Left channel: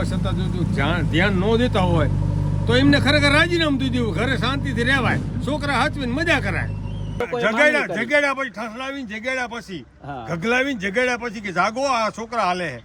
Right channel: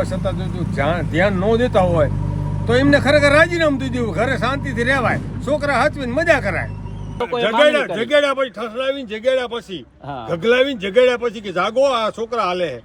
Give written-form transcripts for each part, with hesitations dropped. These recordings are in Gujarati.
હોવા છતાં જો ધ્યાન ન દેતા હોય તો એમને ખરેખર રાજીનામું દઈ દેવું, ઘરે શાંતિથી રહેવાય, છોકરા હાચવીને મજા કરાય. જગાડ્યા પછી ઠસડાવીને જગાડ્યા પછી ગગલાવીને જગાડ્યા પછી કે જાગો આ છોકરા હાલે છે.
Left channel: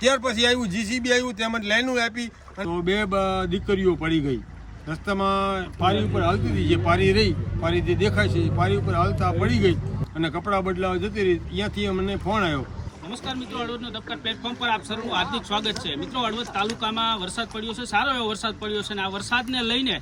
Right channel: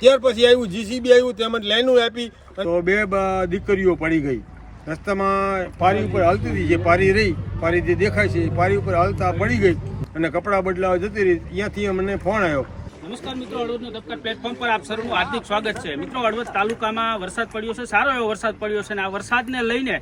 ત્યાર પછી આવ્યું જીસીબી આવ્યું, તેમજ લાઈનો આપી તો 2 દીકરીઓ પડી ગઈ રસ્તામાં. પારી ઉપર હાલતી હતી, જે પારી રહી, પારી જે દેખાય છે પારી ઉપર હાલતા પડી ગઈ અને કપડાં બદલાવા જતી રહી. ત્યાંથી મને ફોન આવ્યો. નમસ્કાર મિત્રો, હળવદનો દબકાર પ્લેટફોર્મ પર આપ સૌનું હાર્દિક સ્વાગત છે. મિત્રો, હળવદ તાલુકામાં વરસાદ પડ્યો છે, સારો એવો વરસાદ પડ્યો છે અને આ વરસાદને લઈને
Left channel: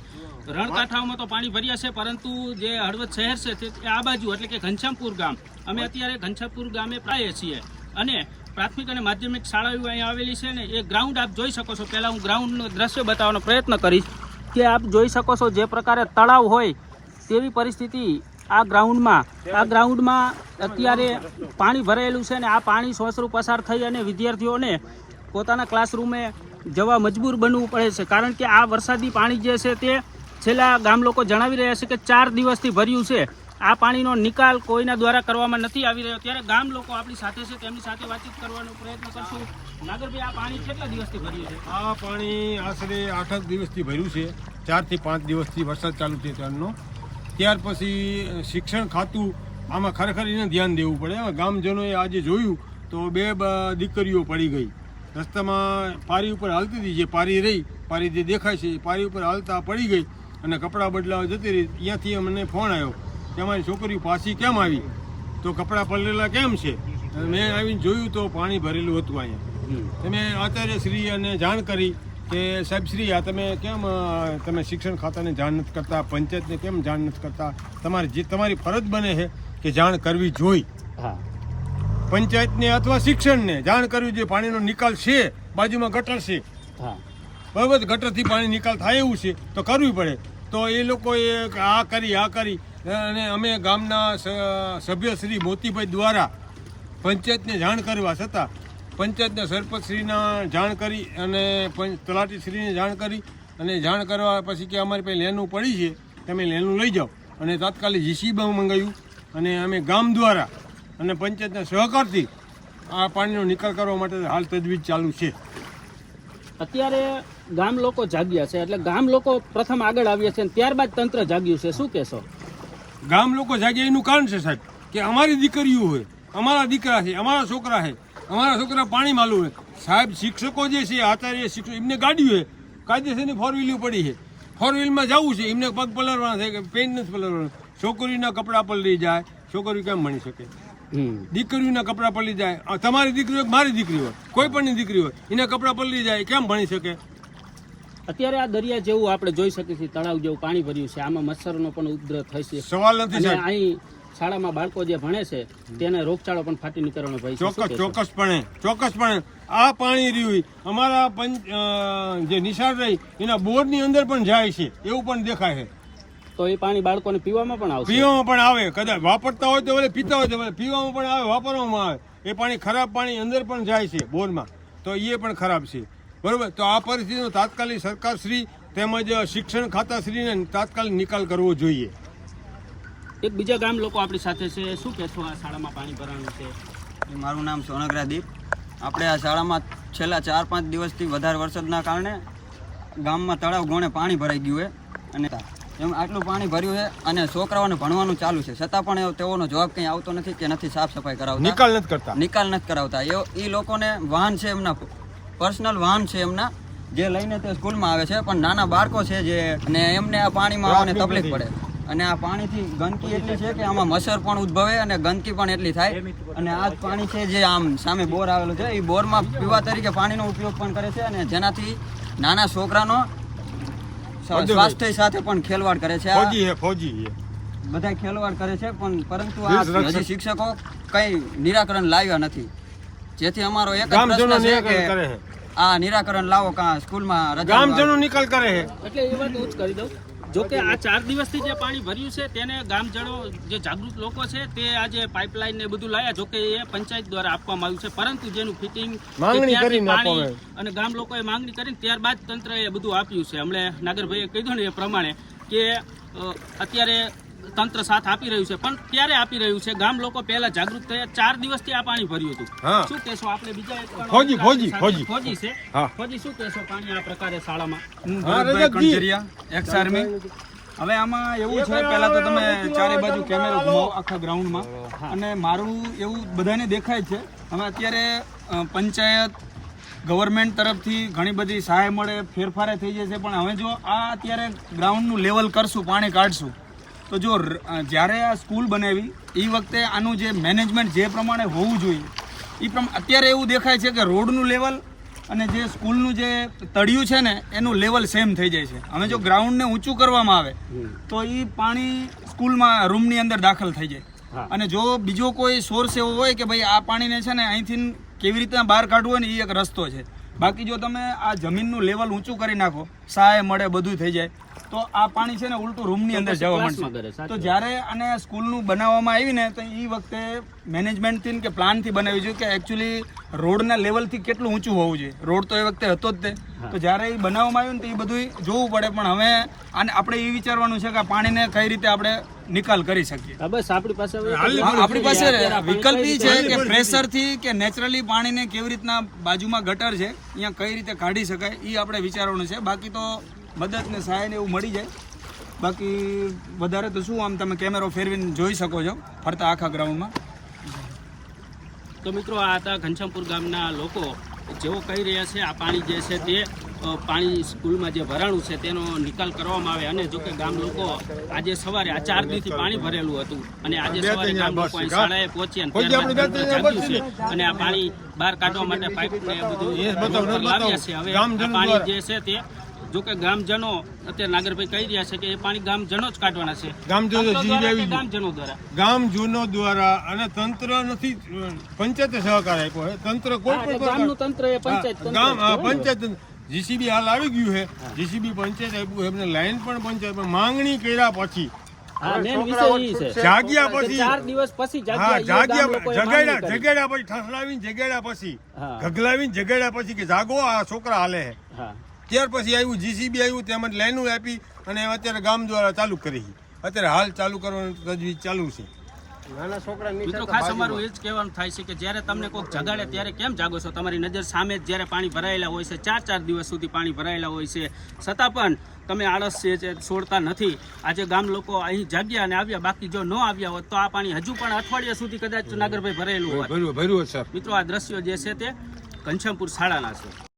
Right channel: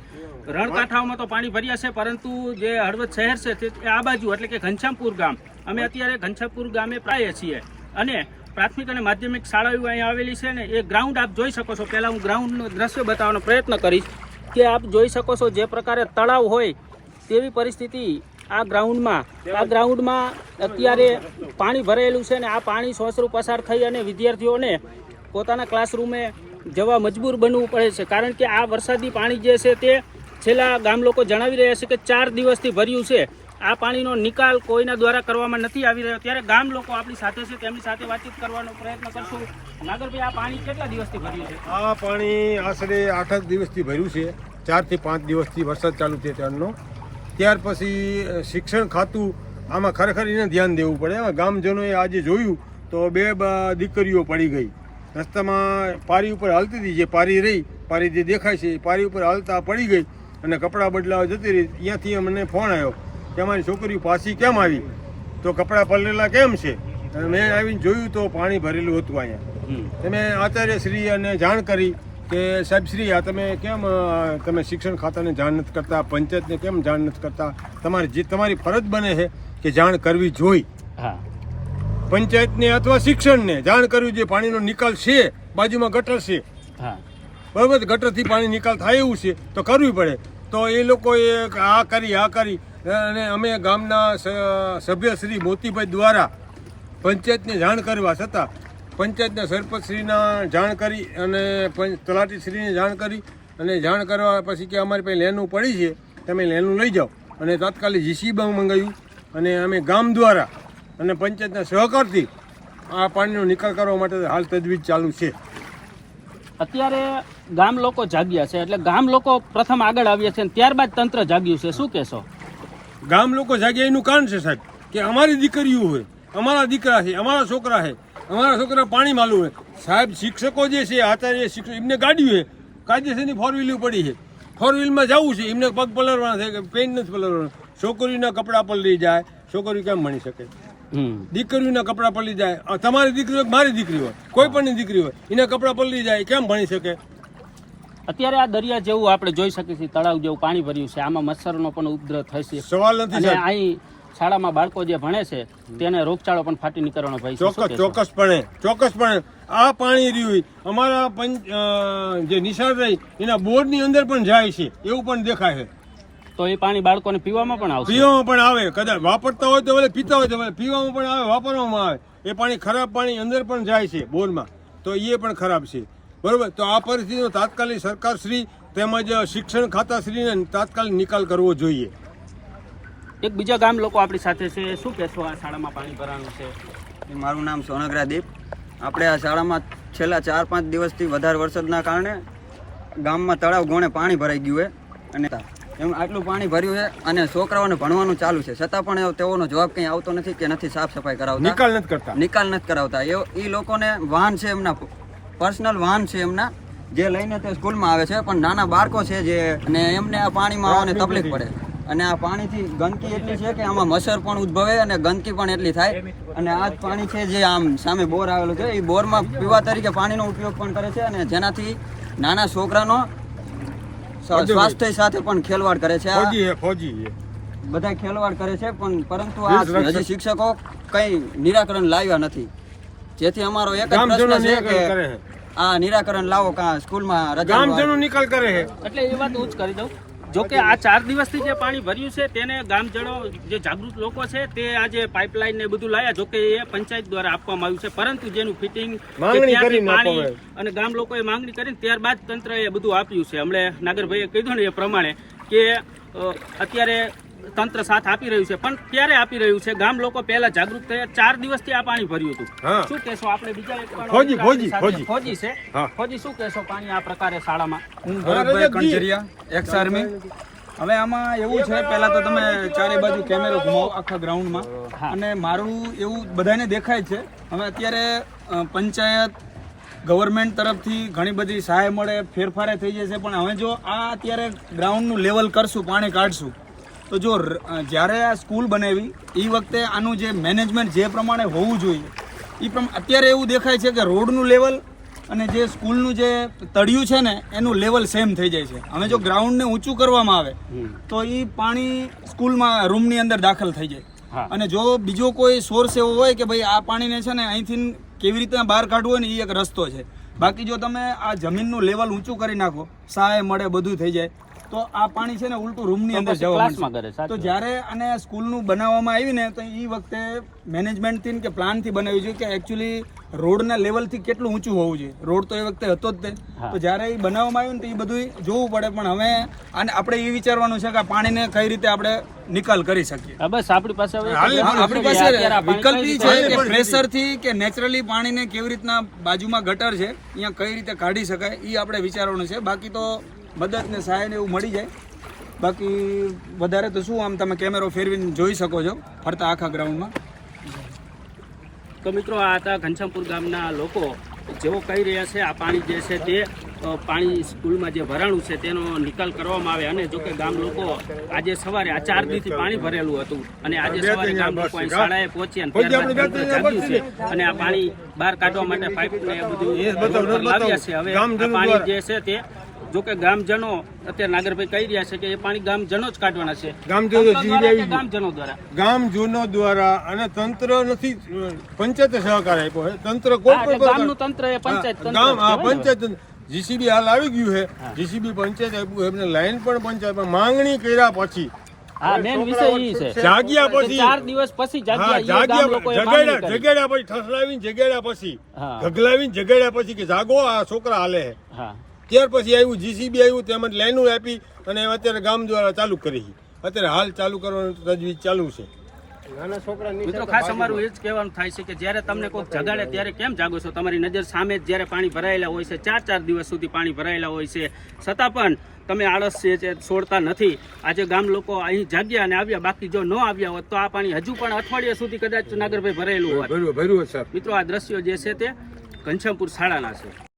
રણકાંઠાઓમાં તો પાણી ભર્યા છે, પરંતુ જે હળવદ શહેર છે તે આ બાજુ એટલે કે ઘનશ્યામપુર ગામ, અમે અત્યારે ઘનશ્યામપુર ગામે પ્રાય છીએ અને પ્રાથમિક અને માધ્યમિક શાળાઓ અહીંયા આવેલી છે ને એ ગ્રાઉન્ડ આપ જોઈ શકો છો. પહેલાં હું ગ્રાઉન્ડનું દ્રશ્ય બતાવવાનો પ્રયત્ન કરીશ કે આપ જોઈ શકો છો જે પ્રકારે તળાવ હોય તેવી પરિસ્થિતિ આ ગ્રાઉન્ડમાં અત્યારે પાણી ભરેલું છે ને આ પાણી સોસરું પસાર થઈ અને વિદ્યાર્થીઓને પોતાના ક્લાસરૂમે જવા મજબૂર બનવું પડે છે, કારણ કે આ વરસાદી પાણી જે છે તે છેલ્લા ગામ લોકો જણાવી રહ્યા છે કે 4 દિવસથી ભર્યું છે. આ પાણીનો નિકાલ કોઈના દ્વારા કરવામાં નથી આવી રહ્યો. ત્યારે ગામ લોકો આપણી સાથે છે, તેમની સાથે વાતચીત કરવાનો પ્રયત્ન કરશું. નાગરભાઈ, આ પાણી કેટલા દિવસથી ભર્યું છે? આ પાણી આશરે 8 દિવસથી ભર્યું છે, 4 થી 5 દિવસથી વરસાદ ચાલુ છે ત્યારનો. ત્યાર પછી શિક્ષણ ખાતું આમાં ખરેખર એને ધ્યાન દેવું પડે. ગામજનોએ આજે જોયું તો 2 દીકરીઓ પડી ગઈ રસ્તામાં. પારી ઉપર હાલતી હતી, જે પારી રહી, પારી જે દેખાય છે પારી ઉપર હાલતા પડી ગઈ અને કપડાં બદલાવા જતી રહી. ત્યાંથી મને ફોન આવ્યો કે અમારી છોકરીઓ પાછી કેમ આવી, તો કપડાં પલળેલા કેમ છે. મેં આવીને જોયું તો પાણી ભરેલું હતું અહીંયા. તમે આચાર્યશ્રી અને જાણ કરી કે સાહેબ શ્રી આ તમે શિક્ષણ ખાતાને જાણ નથી કરતા, પંચાયતને કેમ જાણ નથી કરતા. તમારી ફરજ બને છે કે જાણ કરવી જોઈ. પંચાયતને અથવા શિક્ષણને જાણ કરવી જોઈએ. પાણીનો નિકાલ છે, બાજુમાં ગટર છે, બરાબર, ગટરથી પાણી નિકાલ થાય એવું છે તો કરવી પડે. તો એ લોકોએ આ કરી અને અમે ગામના સભ્ય શ્રી મોતીભાઈ દ્વારા પંચાયતને જાણ કરવા છતાં પંચાયતના સરપંચશ્રીના જાણ કરી અને તલાટીશ્રીને જાણ કરી અને જાણ કરવા પછી કે અમારી પાસે લેનું પડી છે, તમે લેનું લઈ જાઓ. અને તાત્કાલિક જીસીબી મંગાવ્યું અને અમે ગામ દ્વારા અને પંચાયતના સહકારથી આ પાણીનો નિકાલ કરવા માટે હાલ તજવીજ ચાલુ છે. અત્યારે ગામ લોકો જાગ્યા છે, એટલે ગામ લોકો પ્રથમ આગળ આવ્યા છે, ત્યારબાદ તંત્ર જાગ્યું છે. શું કહેશો? ગામ લોકો જાગ્યા એનું કારણ છે સાહેબ કે અમારી દીકરીઓ હોય, અમારા દીકરા છે, અમારા છોકરા છે, અમારા છોકરા પાણી માલું હોય. સાહેબ શિક્ષકો જે છે, આચાર્ય શિક્ષક, એમને ગાડી છે, કાયદેસરની 4 વ્હીલ પડી છે, 4 વ્હીલમાં જવું છે, એમને પગ પલળવાના થાય કે પેન નથી પલળવાના. છોકરીઓના કપડાં પલળી જાય, છોકરીઓ કેમ ભણી શકે? દીકરીઓના કપડાં પલળી જાય, તમારી દીકરી હોય મારી દીકરી હોય, કોઈ પણની દીકરી હોય, એના કપડાં પલળી જાય, કેમ ભણી શકે? અત્યારે આ દરિયા જેવું આપણે જોઈ શકીએ છીએ, તળાવ જેવું પાણી ભર્યું છે, આમાં મચ્છરનો પણ ઉપદ્રવ થશે. સવાલ નથી સાહેબ. અહીં શાળામાં બાળકો જે ભણે છે તેને રોગચાળો પણ ફાટી નીકળવાનો ભય છે. ચોક્કસપણે આ પાણી રહ્યું અમારા જે નિશાળ રહી એના બોરની અંદર પણ જાય છે, એવું પણ દેખાય છે. તો એ પાણી બાળકોને પીવામાં પણ આવશે? પીવામાં પણ આવે, કદાચ વાપરતા હોય તો પીતા હોય તો પીવામાં પણ આવે, વાપરવામાં આવે. એ પાણી ખરાબ પાણી અંદર પણ જાય છે બોરમાં, તો એ પણ ખરાબ છે, બરોબર. તો આ પરિસ્થિતિનો તાત્કાલિક સરકારશ્રી તેમજ શિક્ષણ ખાતાશ્રીને તાત્કાલિક નિકાલ કરવો જોઈએ. એક બીજા ગામ લોકો આપણી સાથે છે, શું કહેશો આ શાળામાં પાણી ભરાવાનું છે? મારું નામ સોનગરા દીપ. આપણે આ શાળામાં છેલ્લા 4-5 દિવસથી વધારે વરસાદના કારણે ગામમાં તળાવ ગોણે પાણી ભરાઈ ગયું છે અને એમ આટલું પાણી ભર્યું છે અને છોકરાઓને ભણવાનું ચાલુ છે, છતાં પણ તેઓનો જવાબ કંઈ આવતો નથી કે નથી સાફ સફાઈ કરાવતા, નિકાલ નથી કરાવતા. એ લોકોને વાહન છે, એમના પર્સનલ વાહન છે એમના, જે લઈને તે સ્કૂલમાં આવે છે, પણ નાના બાળકો છે જે અને એમને આ પાણીમાં આવવાને તકલીફ પડે. અને આ પાણીથી ગંદકી એટલી છે કે આમાં મચ્છર પણ ઉદ્ભવે અને ગંદકી પણ એટલી થાય. અને આ જ પાણી છે જે આમ સામે બોર આવેલું છે, એ બોરમાં પીવા તરીકે પાણીનો ઉપયોગ પણ કરે છે અને જેનાથી નાના છોકરાનો સ્વાસ્થ્ય સાથે પણ ખેલવાડ કરે છે. બધા ખેલવાડ કરે છે, પરંતુ આ હજી શિક્ષકો કઈ નિરાકરણ લાવ્યા નથી. જેથી અમારો એક જ પ્રશ્ન છે કે આ નિરાકરણ લાવો, કાં સ્કૂલમાં રજા નિકાલ કરે છે. એટલે એ વાત હું જ કરી દઉં. જો કે આ 4 દિવસથી જે પાણી ભર્યું છે તેને ગામજનો જે જાગૃત લોકો છે તે આજે પાઇપલાઇન ને બધું લાયા. જો કે એ પંચાયત દ્વારા આપવામાં આવ્યું છે, પરંતુ જેનું ફિટિંગ પાણી અને ગામ લોકોએ માંગણી કરી ત્યારબાદ તંત્રએ બધું આપ્યું છે. હમણાં નાગરભાઈએ કીધું ને એ પ્રમાણે કે અત્યારે તંત્ર સાથ આપી રહ્યું છે, પણ ક્યારે આપી રહ્યું છે? ગામ લોકો પહેલા જાગૃત થયા, 4 દિવસથી આ પાણી ભર્યું હતું. હા. શું કહેશો? આપણે બીજા એક પણ ફોજી, આપણી સાથે ફોજી. ફોજી છે. હા. ફોજી, શું કહેશો પાણી આ પ્રકારે શાળામાં? હું ભરતભાઈ કણજરિયા, એક્સ આર્મી. હવે આમાં એવું છે, પહેલા તો તમે ચારે બાજુ કેમેરો ઘુમાવો આખા ગ્રાઉન્ડમાં, અને મારું એવું બધાને દેખાય છે. હવે અત્યારે પંચાયત ગવર્મેન્ટ તરફથી ઘણી બધી સહાય મળે, ફેરફારે થઈ જશે, પણ હવે જો આ અત્યારે ગ્રાઉન્ડનું લેવલ કરશું, પાણી કાઢશું, તો જો જ્યારે આ સ્કૂલ બનાવી એ વખતે આનું જે મેનેજમેન્ટ જે પ્રમાણે હોવું જોઈએ એ અત્યારે એવું દેખાય છે કે રોડનું લેવલ અને જે સ્કૂલનું જે તળિયું છે ને એનું લેવલ સેમ થઈ જાય છે. હવે જો ગ્રાઉન્ડને ઊંચું કરવામાં આવે તો એ પાણી સ્કૂલમાં રૂમની અંદર દાખલ થઈ જાય. અને જો બીજો કોઈ સોર્સ એવો હોય કે ભાઈ આ પાણીને છે ને અહીંથી કેવી રીતના બહાર કાઢવું હોય ને એ એક રસ્તો છે. બાકી જો તમે આ જમીનનું લેવલ ઊંચું કરી નાખો, સહાય મળે, બધું થઈ જાય, તો આ પાણી છે ને ઉલટું રૂમની અંદર જવા માંડશે. તો જ્યારે આને સ્કૂલનું બનાવવામાં આવી ને તો એ વખતે મેનેજમેન્ટથી કે પ્લાનથી બનાવ્યું છે કે એકચ્યુઅલી રોડના લેવલથી કેટલું ઊંચું હોવું જોઈએ. રોડ તો એ વખતે હતો જ તે. તો જ્યારે એ બનાવવામાં આવ્યું ને તો એ બધું જોવું પડે. પણ હવે આને આપણે એ વિચારવાનું છે કે આ પાણીને કઈ રીતે આપણે નિકાલ કરી શકીએ. બસ આપણી પાસે આપણી પાસે વિકલ્પ એ છે કે પ્રેશરથી કે નેચરલી પાણીને કેવી રીતના બાજુમાં ગટર છે અહીંયા કઈ રીતે કાઢી શકાય એ આપણે વિચારવાનું છે. બાકી તો મદદ ને સહાય ને એવું મળી જાય. બાકી વધારે તો શું, આમ તમે કેમેરો ફેરવીને જોઈ શકો છો ફરતા આખા ગ્રાઉન્ડમાં. તો મિત્રો, આ હતા ઘનશ્યામપુર ગામના લોકો, જેઓ કહી રહ્યા છે આ પાણી જે છે તે પાણી સ્કૂલમાં જે ભરાણું છે તેનો નિકાલ કરવામાં આવે. અને જો કે ગામ લોકો આજે સવારે આ 4 દિવસથી પાણી ભરેલું હતું અને આજે સવારે ગામ લોકો અહીં શાળાએ પહોંચ્યા અને ત્યારબાદ તંત્ર જાગ્યું છે અને આ પાણી બહાર કાઢવા માટે પાઇપ ને બધું રોડ પર લાવ્યા છે. હવે આ પાણી જે છે તે જો કે ગામજનો અત્યારે નાગરભાઈ કહી રહ્યા છે કે એ પાણી ગામજનો જ કાઢવાના છે. ગામજનો દ્વારા ગામજનો દ્વારા અને તંત્ર નથી, પંચાયતે સહકાર આપ્યો છે. તંત્ર કોઈ પણ ગામનું તંત્ર એ પંચાયત ગામ પંચાયત જીસીબી હાલ આવી ગયું છે. જીસીબી પંચાયત આપ્યું એમને લાઈન પણ પંચાયત માંગણી કર્યા પછી જાગ્યા પછી 4 દિવસ પછી હા જગાડ્યા પછી ઠસડાવીને જગાડ્યા પછી ગગલાવીને જગાડ્યા પછી કે જાગો આ છોકરા હાલે છે. ત્યાર પછી આવ્યું જીસીબી આવ્યું, તેમજ લાઈનો આપી અને અત્યારે ગામ દ્વારા ચાલુ કરી. અત્યારે હાલ ચાલુ કરવાનું તજવીજ ચાલુ છે. મિત્રો, ખાસ અમારું એ જ કહેવાનું થાય છે કે જ્યારે તમને કોઈક જગાડે ત્યારે કેમ જાગો છો? તમારી નજર સામે જ જ્યારે પાણી ભરાયેલા હોય છે, 4 દિવસ સુધી પાણી ભરાયેલા હોય છે, છતાં પણ તમે આળસ છે છોડતા નથી. આજે ગામ લોકો અહીં જાગ્યા અને આવ્યા. બાકી જો ન આવ્યા હોત તો આ પાણી હજુ પણ અઠવાડિયા સુધી કદાચ નાગરભાઈ ભરાયેલું હોત. મિત્રો, આ દ્રશ્યો જે છે તે ઘનશ્યામપુર શાળાના છે.